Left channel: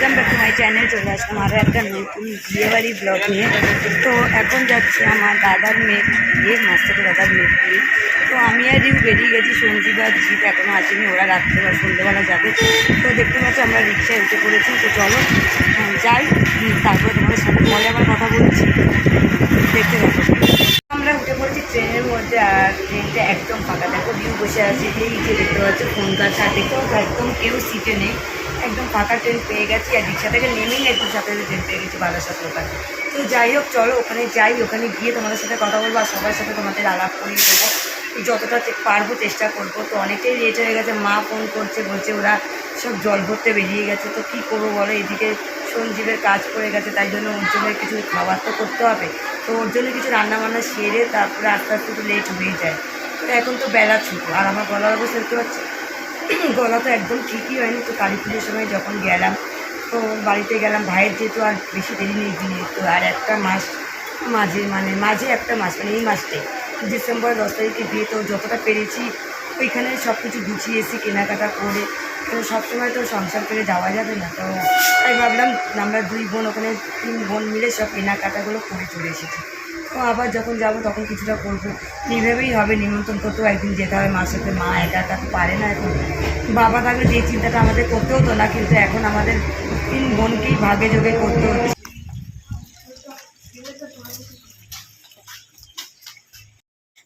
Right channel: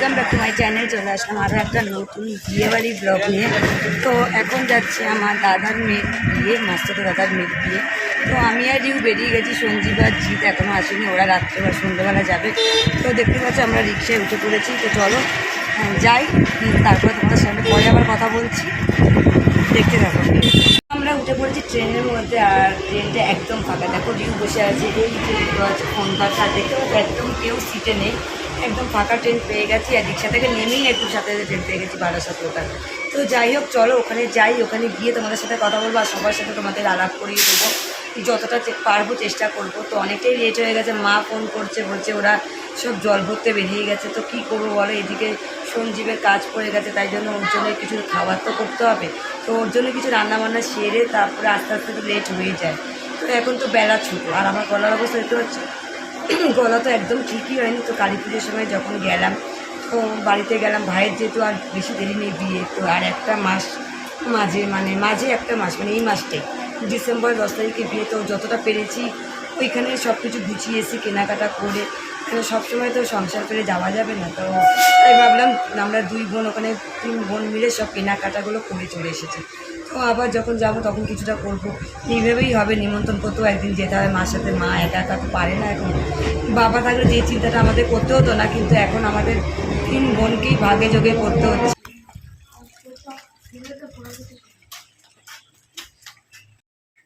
Welcome back to my channel. চলে আসলাম আরও একটা নতুন বিয়েবাড়ি ব্লগ নিয়ে। তো এখন যাচ্ছি আমার দাদার মেয়ের বিয়ে, মাস্টার দাদার মেয়ের বিয়ে। তো আমি আর রিউ বেরিয়ে গেছি, সঞ্জীব আর জিৎ এখনও আসেনি, ওরা রাত্রে বা সন্ধ্যেবেলা যাবে। তো দেখতে পাচ্ছি আমরা রিক্সায় উঠে পড়েছি। তো চলো যাই, তারপরে তোমাদের সাথে পরে আবার কথা বলছি, দেখতে থাকো। আমরা উঠে পড়েছি ট্রেনের মধ্যে, আর ট্রেনটা একদম ফাঁকা। দেখো রিউ বসে আছে, এই যে দেখতে পাচ্ছি ফোনটার সাথে, তো একদম কেউ সিটে নেই, একদম ফাঁকা ট্রেন পেয়ে গেছি। আর রিক্সা থেকে নেমেই একটু সাথে ট্রেন পেয়ে গেছি বারাসাত লোকাল। তো যাই হোক চলো ওখানে যাই, ওখানে গিয়ে তোমাদের সাথে কথা বলবো আর সবার সাথে তোমাদের আলাপ করিয়ে দেবো, যতটা পারবো চেষ্টা করবো। তো অনেকটাই লেট হয়ে গেছে, মা ফোন করছে, বলছে ওরা সব জল ভরতে বেরিয়ে গেছে। তো কী করবো বলো, এদিকে সঞ্জীবের কাজ পড়ে গেছে, তাই জন্য ওর জন্য কিছু খাবার তো করতে হবে। তো ওর জন্য কিছু রান্নাবান্না সেরে তারপরে আস্তে আস্তে তো লেট হয়ে যায়। তো এখন তো বেলা ছোটো, আর আমার গলার অবস্থা দেখতে পাচ্ছি, গলা তো একদম ঠিকই হয়নি। তো কালী পুজোর সময় যখন গেলাম, তো বাড়িতে গেলাম, ভাইয়ের যেহেতু আর বেশি দেরি নেই বিয়ে, তো আর একটা মাস মাঝে একটা মাস, মানে এই মাসটাই ডিসেম্বর 10 তারিখে বিয়ে। তো যতটা পেরেছি ওইখানে সব কিছু গুছিয়েছি, কেনাকাটা করে। সবসময় তো সংসার করে যাওয়া যাবে না, তো তাই ভাবলাম আমরা 2 বোন, ওখানে 3 বোন মিলে সব কেনাকাটাগুলো করে চলে এসেছি। তো আবার যখন যাব তখন কিছুটা করবো, এইভাবেই হবে। নিমন্ত্রণ করতেও একদিন যেতে হবে মার সাথে, মা একা একা তো পারে না। এখন বাবা থাকলে যে চিন্তাটা আমাদের করতে হতো না, কিন্তু এখন আমাদের 3 বোনকেই ভাগে যোগে করতে হচ্ছে।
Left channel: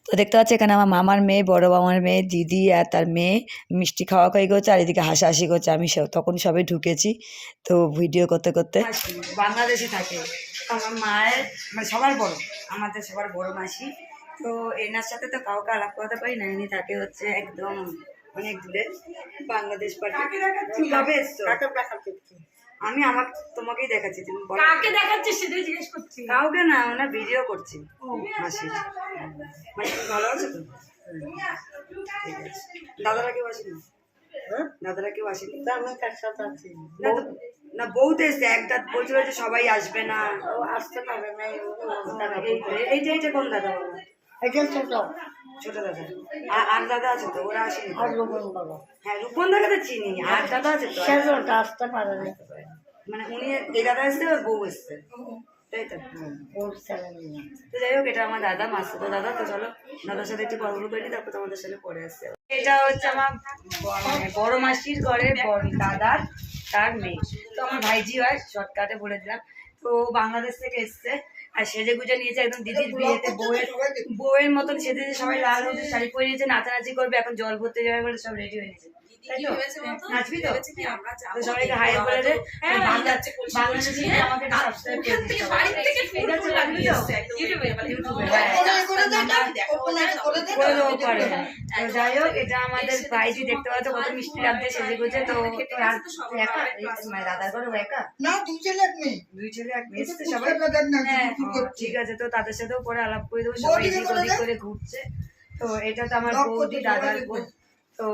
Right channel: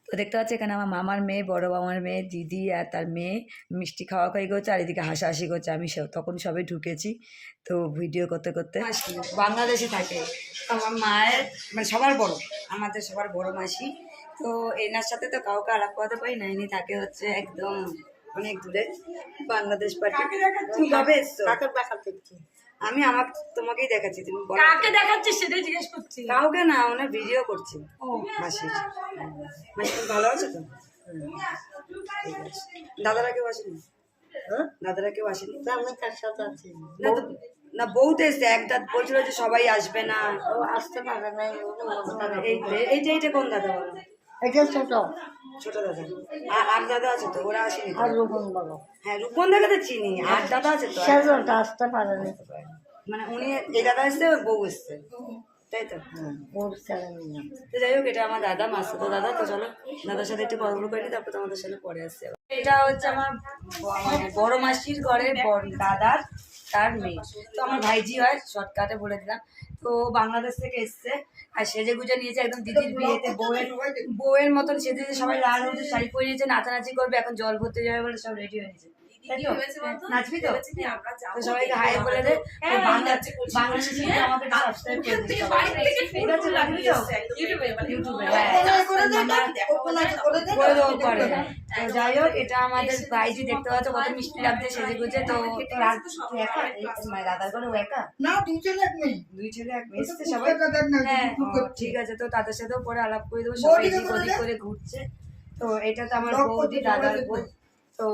তো দেখতে পাচ্ছি এখানে আমার মামার মেয়ে, বড় মামার মেয়ে, দিদি আর তার মেয়ে মিষ্টি খাওয়া খাই করছে, আর এদিকে হাসাহাসি করছে। আমি তখন সবে ঢুকেছি, তো ভিডিও করতে করতে। বাংলাদেশে থাকে আমার মায়ের, মানে সবার বড়, আমাদের সবার বড় মাসি। তো এনার সাথে তো কাউকে আলাপ করতে পারি না, ইনি থাকে হচ্ছে একদম অনেক দূরে, বাংলাদেশ পার্টি। তুমি কবে এসছো? আমি তোমাকেই দেখাচ্ছি, তুমি বলো কাকে দেখাচ্ছিস সেটাই জিজ্ঞেস করছি। কাউকে না, ওনার ভিডিও করছি। মাসির মাসি ভালো আছে তো? ঠিক আছে। দাদারা কেউ আসেনি? দাদারা কেউ আসেনি? না বউতে এসছে, এক দাদ বলছিল যে সবাই আসবে না, আসতে পারে না। এইটা কোন দাদা বলো? ছোট দাদা। আর দাদা আছে তো, ওরা আসেনি? হ্যাঁ রূপন দাকে তো চিনি, আর দাদা আছে তো, আসতে পারে না। মানে উনি, এই দাদা এসছে, বউ এসছে, তাই তো? তো যাই হোক, এটা আমার দাদা, মাসুতো দাদা। তো চলো দাদার সাথে একটু কথা বলি, তারপর তোমাদের সাথে পরে আসছে। এটা হচ্ছে আমার মানে বড় মাসির ঘরের দাদার তার মেয়ে, তো আমার ভাইজি হয়, শর্টকাটে বলে দিলাম। তো বাংলাদেশ থেকে এসছে, আর সেজে গুজে নিয়েছে একদম দিদির বিয়েতে বউয়ের মতন সেজে, সবাই লাল হলুদ শাড়ি পরে নিয়েছে, নাচানাচি করবে, এখন জল ভরতে যাবে বলে সব রেডি হয়ে নিয়েছে। নাচবি তো? তো সবাইকে হাই বলে দে, বাংলাদেশে আমাকে সাবস্ক্রাইব করে দিস সবাই, ঠিক আছে? নাচবি তো ইউটিউবে? হ্যাঁ করে দেবো পরে। তো যাই হোক, এটা আমাদের ভাইজি, দেখতে পাচ্ছ কত মিষ্টি লাগছে সেজে গুজে। তো তোর আর একা, মানে দাদার ঘরে ও একা? না, 2 ছেলে 1 মেয়ে। 2 ছেলে 1 মেয়ে এসছে সবাই? হ্যাঁ ঠিক আছে, তো তাদের সাথেও পরে আলাপ করে দেবো। সবাই এদিক ওদিক করে ঘুরছে। তো এটা তো আমার বৌদি, দাদার বউ। তো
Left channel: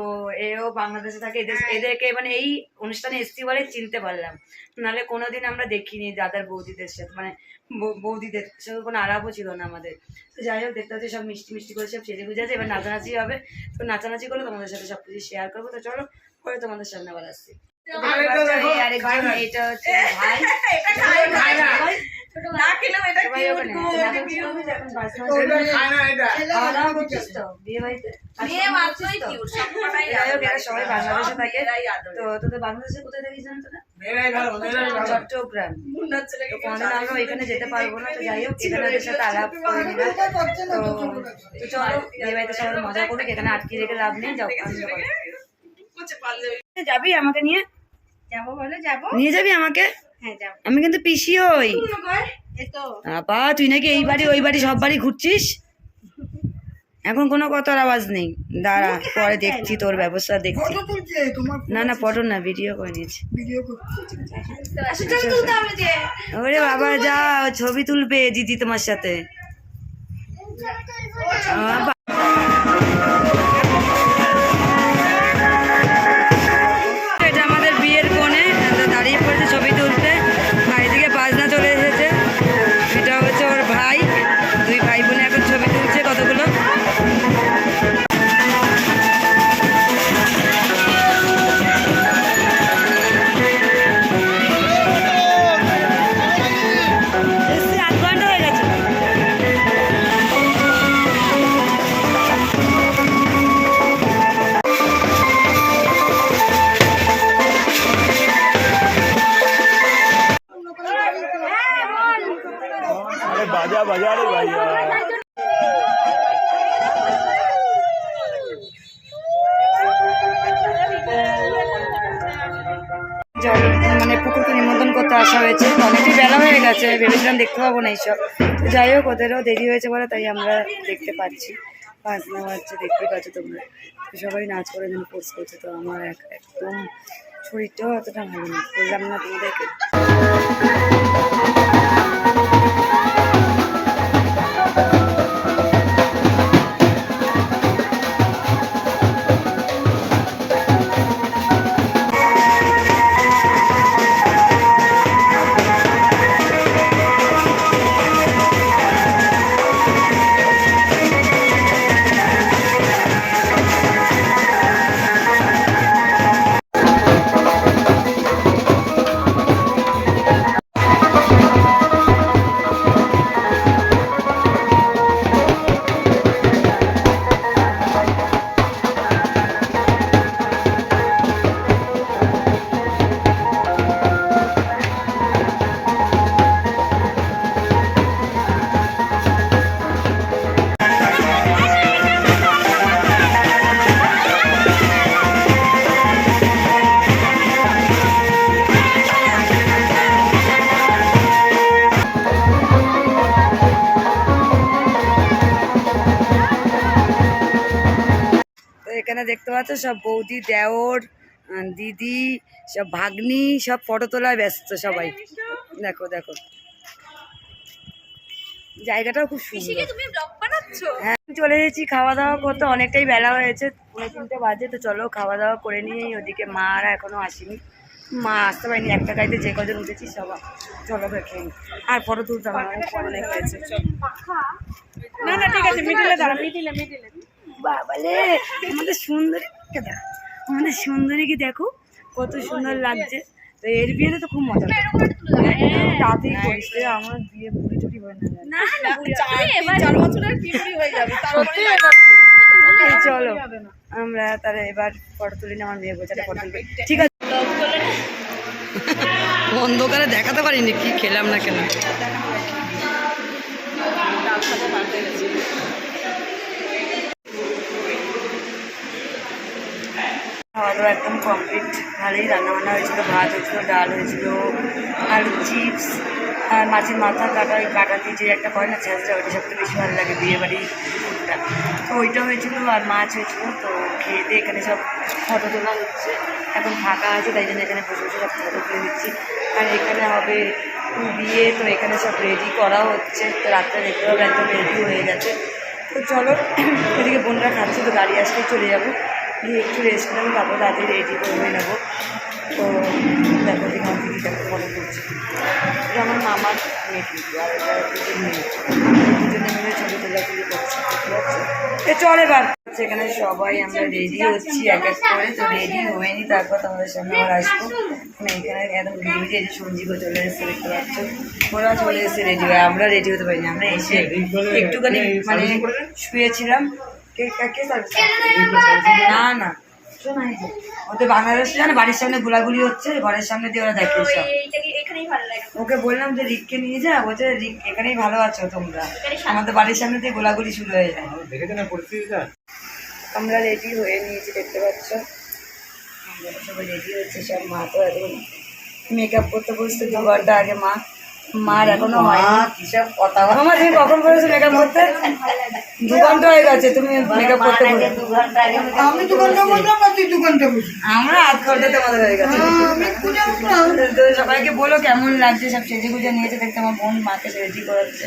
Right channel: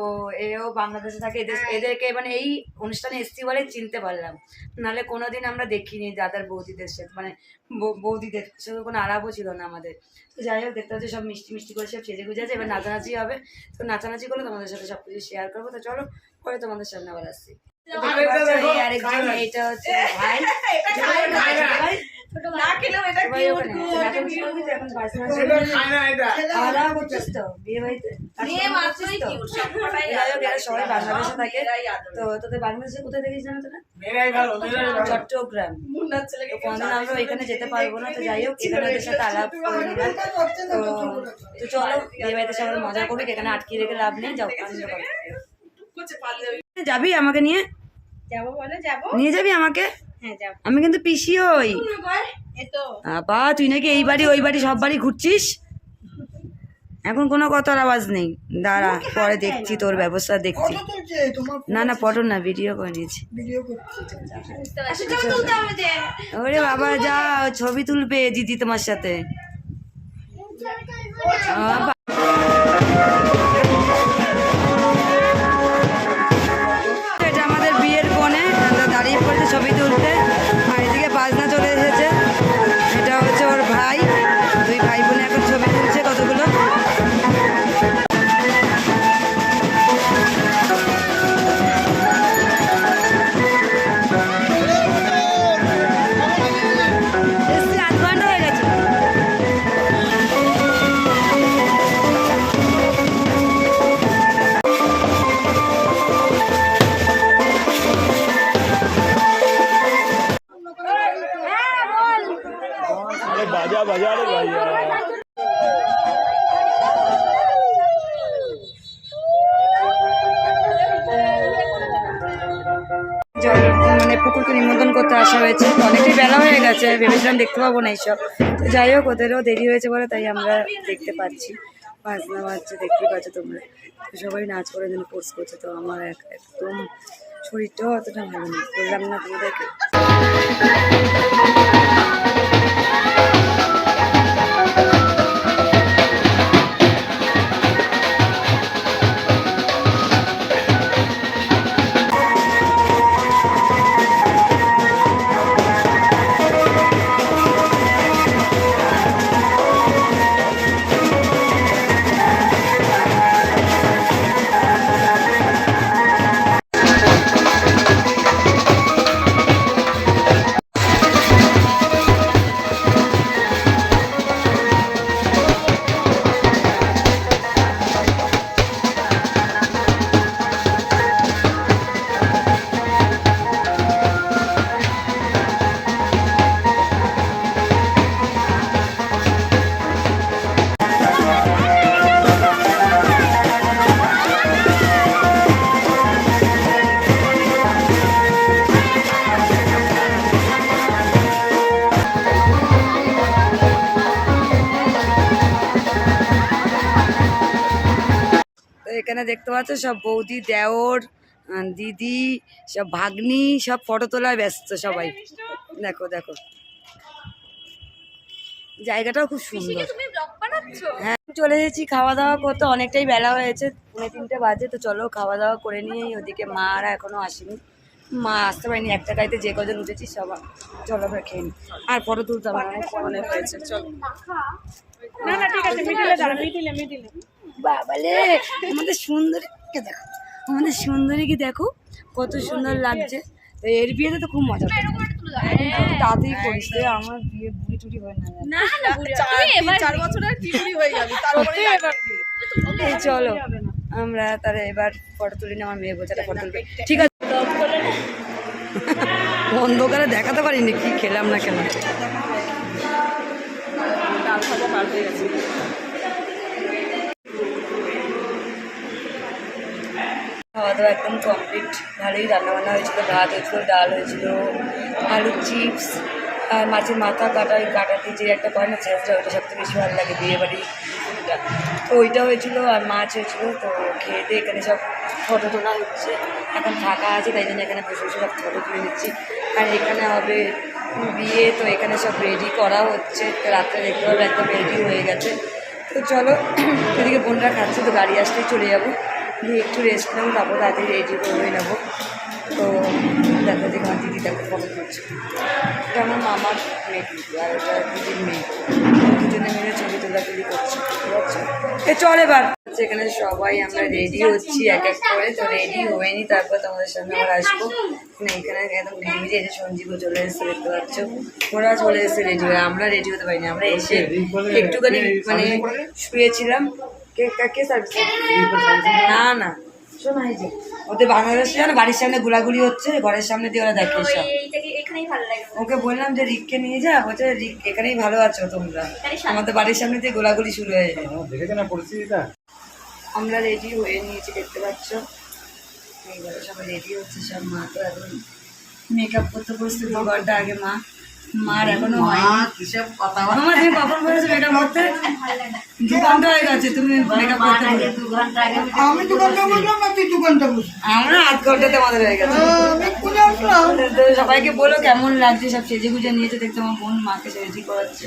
এও বাংলাদেশে থাকে, এদেরকে মানে এই অনুষ্ঠানে এসছি বলে চিনতে পারলাম, নাহলে কোনোদিন আমরা দেখিনি দাদার বৌদিদের সাথে, মানে বৌদিদের সাথে কোনো আলাপও ছিল না আমাদের। তো যাই হোক, দেখতে হচ্ছে সব মিষ্টি মিষ্টি করে সব সেজে গুজে আছে, এবার নাচানাচি হবে। তো নাচানাচি করলে তোমাদের সাথে সব কিছু শেয়ার করবো। তো চলো পরে তোমাদের সামনে আবার আসছি। আরেকজন, এইটা হচ্ছে ভাই, সবাই বাংলাদেশে থাকে। তো তোদের বাংলাদেশে কোথায় দেখিস জানো তোরা? চট্টগ্রাম। তো কোনদিন আমরা ওইখানে যেতে পারবো না, তো যাই হোক এখানে ওদের সাথে আলাপ করে নিলাম। তো চলো বিয়ে বাড়িতে সবাই মজা করবে, এখানে আটকে রেখে লাভ নেই, যাও আনন্দ করো। যাবি আমাকে নিয়ে? যাবো বলে যাবো, নিয়ে যাবি আমাকে? হ্যাঁ যাবো। আমি কিন্তু পিসি হই। আপা তুই নাকি এই বাড়ি ওই বাড়ি সব বাড়ি ঘুরছিস, এখন কোনো কথার আওয়াজ নেই। দাঁড়া পরে দেখছি, তোর ব্যবস্থা দেখছি। না না ফটো না, ভিডিও করে নিয়েছি। ওরে বাবা যা, ছবি তুলবে দিদি তোমার সাথে। এটা আমাদের বিয়ের কোণে দাঁড়িয়ে পড়েছে ছবি তুলতে, আর এদিকে বাজনা চলে এসেছে। এটা হচ্ছে ওর ভাই, 2 ভাই বোনে এখন ছবি তুলছে কতগুলো। बाजा बजा रे भैया। জল মানে পুকুরকে নিমন্ত্রণ করতে আসা হয়েছে, তো অনেকটাই বেলা হয়ে গেছে, ভেবেছিলাম দেখতে পাবো না এইসব। তো যাই হোক, ওদেরও দেরি হয়েছে বলে তাই আমরা দেখতে পাচ্ছি। বাজনা বাজছে, দেখতেই পাচ্ছ তোমরা। তো সবাই নাচ করার জন্য কোর্স করছে, তো আমার একদম শরীরটাও অতটা ভালো নেই, বললাম না তোমাদেরকে। এখানে দেখতে পাচ্ছ সব বৌদি, দেওর, দিদি, সব ভাগ্নি, সব ফটো তোলায় ব্যস্ত সবাই। দেখো দেখো, জায়গাটাও খুব সুন্দর। হ্যাঁ, চলে এসেছি খাওয়া দাওয়া করতে, অনেকটাই বেলা হয়েছে, 3:30 বাজে। তো চলো খাওয়া দাওয়া করে নিই। ওদিকে মারা এখনো আসেনি, মা আসতে পারেনি। একটা গাড়িতে যে কজন উঠেছি সবাই, চলো আমরা খেয়ে নিই। আর ফটো তুলতে হবে, অনেক হয়েছে। বাবালে, আমাদের সুন্দরীকে দেখো, আমাদের সুন্দরীকে দেখো কত সুন্দর লাগছে। তো এর বিয়েতে তো খুব মজা, তাড়াতাড়ি করিস রে, আমার বিয়ে বুড়ি টুড়ি হয় না। চলো আমরা তাহলে এবার ফটো তুলি না, আমার মেয়ে বলছে একটা ফটো তুলবে। ঠিক আছে, অন্ধকারে দেখাতে পারিনি কি খেলাম না কেন। খাওয়া দাওয়া একদম কমপ্লিট, ভালোই রান্নাবান্না হয়েছিল। ভাত হয়েছিল, ডাল হয়েছিল, আলু চিপস, আর মাছের মাথা কাটা, ওই কাটা দিয়ে যে একটা করে না ছেঁচড়া, ওইটা সবথেকে বেশি ভালো লাগে বিয়েবাড়ির ফুডটা। তো ওইটা হয়েছিল, আর মাছ হয়েছিল। তো খেয়ে দিয়ে এখানে সব ফটো তোলা হচ্ছে, এখন ফাঁকা আছে তাই জন্য এখানে বসে বসে সব ফটো তুলে নিচ্ছি। আর এখানে হবে বিয়ে, তো এখানে সব রেডি করা হচ্ছে। তো রাত্রে দেখতে হবে একদম রেডি হয়ে গেছে। তো চলো, এদিকে বোনরা খাচ্ছে, তো গাড়ি আসলেই চলে যাবো, দিয়ে একটু রেস্ট নেবো, তারপর তাড়াতাড়ি রেডি করে নেবো। তো দেখো যে আমার দিদি দেখো ফটো তুলছে, এটা আমার মামার মেয়ে কিন্তু, আর এটা দিদির মেয়ে। দুজনে মিলে ছবি তোলাতুলি করছে, বুঝতে পারছো। চল এবার এখানে সবাই আমরা রেডি হচ্ছি এক এক করে। তো রেডি হয়ে নি, তারপর তোমাদের সামনে আবার আসবো। মানে এখানে একদম ভিড়ে এসে সঞ্জীবও চলে এসেছে, দেখতে পাচ্ছ। ওরা চলে এসে রেডি হয়ে, আমরা রেডি হতে পারিনি। আমরা এসে একটুখানি মানে শুয়েছিলাম। কে সার্ভিস? না না, শোনা এই যে ওদের বাংলাদেশে জানে বাড়ির সামনে গোলাগুলি হচ্ছে, ঘরের সামনে দিয়ে ওরা দেখে সব। ওকে বললাম যে রিককে নিয়ে যা, বলছে রিক এখানেই ভালো আছো তোমরা, আমাদের বাড়ির সামনে দিয়ে গোলাগুলি শুরু হয়ে যায়। আমরা রেডি হয়ে নিয়েছি, দেখতে পাচ্ছ সবাই রেডি হচ্ছে সব। মা তো এখন মেকআপ করতে বসতে 2 ঘন্টা আগে। মার এখনো হয়নি। মামা তুমি কখন বলেছো মেকআপ করতে? 2 ঘন্টা হয়ে গেছে তুমি মেকআপ করতে। আমরা 8 ঘন্টাতে আমাদের হয়ে গেছে। তো সবাইকে বলো কেমন লাগছে, সব সেজে গুজে নিয়েছে দেখতে। আমার বোন মাকে রেডি করাচ্ছে।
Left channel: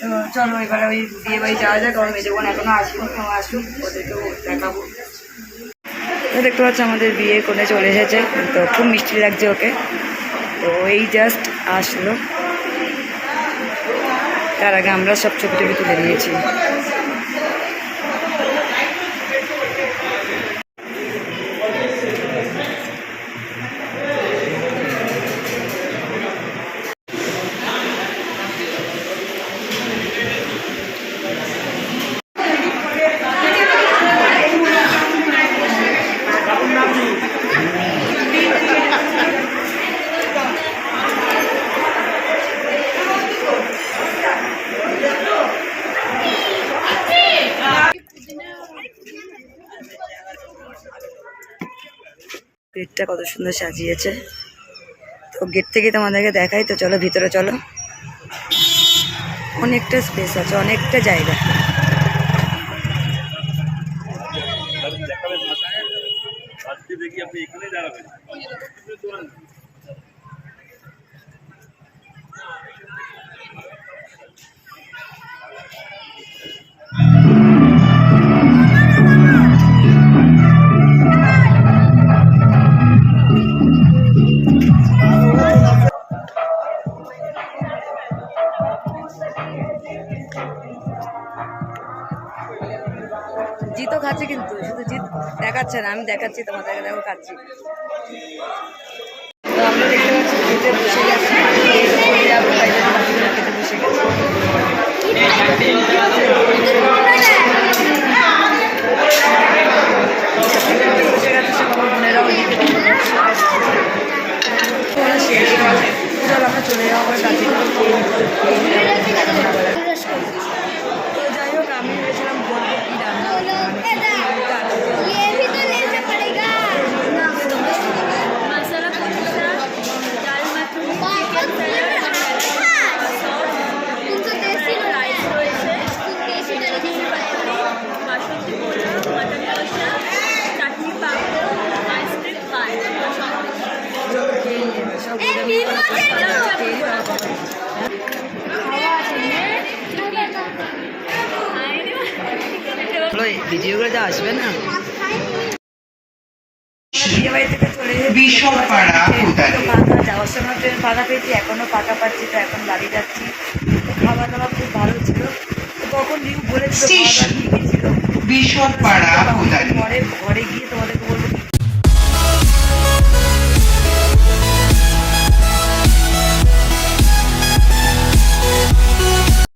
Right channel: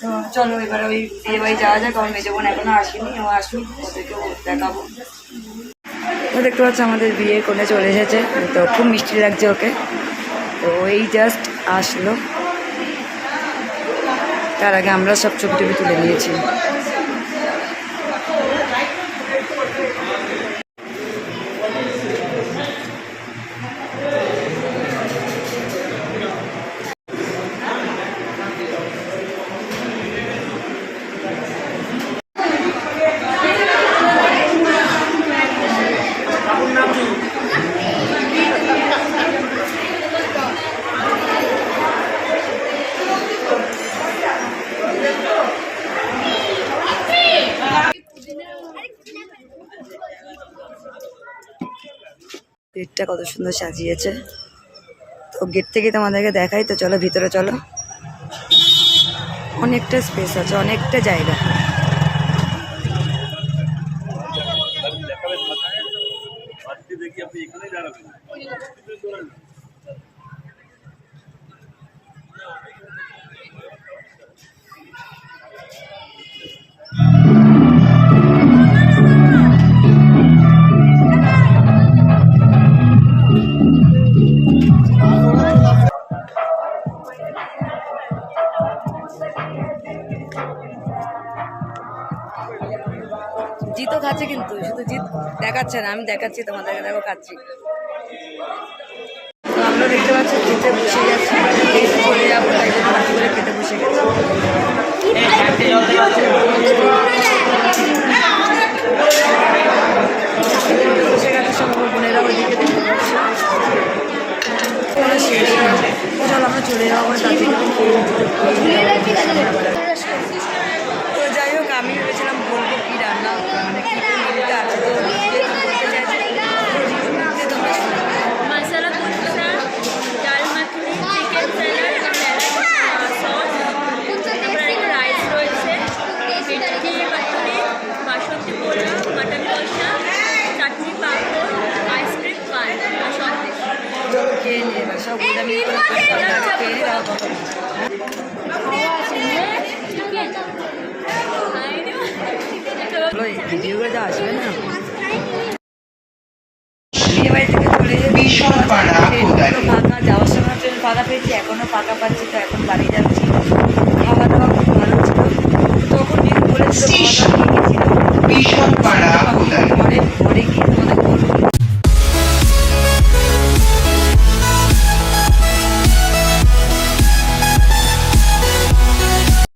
তো চলো এবারে ওই বিয়ে বাড়ি যাওয়া যাক। আমার মেজো বোন এখনো আসেনি, ও আসুক, ওদেরকেও দেখাবো। তো দেখতে পাচ্ছ আমাদের বিয়ে কোণে চলে এসেছে, তো খুব মিষ্টি লাগছে ওকে। তো এই জাস্ট আসলো, তার আগে আমরা সব ছবি টবি তুলে নিয়েছি। গেটটা কত সুন্দর সাজিয়েছে। তো গেট থেকে তোমাদেরকে দেখাই, তো চলো ভিতরে চলো। অনেকটা স্পেস আছে, অনেকটা জায়গা। জিতও খাচ্ছে, কিন্তু শুধু জিত দেখাচ্ছে না, আমি দেখাচ্ছি তোমাদেরকে, দেখো খাচ্ছি। তো আমরা দেখতে পাচ্ছি খেতে বসে গেছি, খেতে চলে যাবো, তাই জন্য বাকি করে খেতে বসে গেছি। বসে গেছে সব আমার বোনেরা, ওইদিকে দেখতে পাচ্ছি শেষ। চল আমরা চলে যাবো আমার দাদির খেয়ে নিতে, খেয়ে নিতে আবার। যাই হোক, আমি ভেবেছিলাম বলবো কি রান্না মানে কী মেনুতে আছে, मसाला कुलचा, दाल मखनी, চিকেন স্যালাড, সস, তারপরে রাইস রয়েছে, মিষ্টি পাতুরি, বাসন্তী পোলাও, মাটন কষা, চাটনি, পাঁপড়, আইসক্রিম, পান আর সন্দেশ। খেয়ে নিয়ে সব ভিডিওগুলো যা আসবে না, বিয়ে বাড়ি থেকে চলে ফাঁকা, যাওয়ার সময় ট্রেন ফাঁকা পেয়েছি, এখনও ফাঁকা পাচ্ছি। তো এখন বাড়ি যাচ্ছি। খাওয়া দাওয়া খুব ভালো ছিল, তখন রিকু বলেছিল খাওয়া দাওয়া নিয়ে গেছিল। পরে ঘরে গিয়ে তোমাদের বলবো কি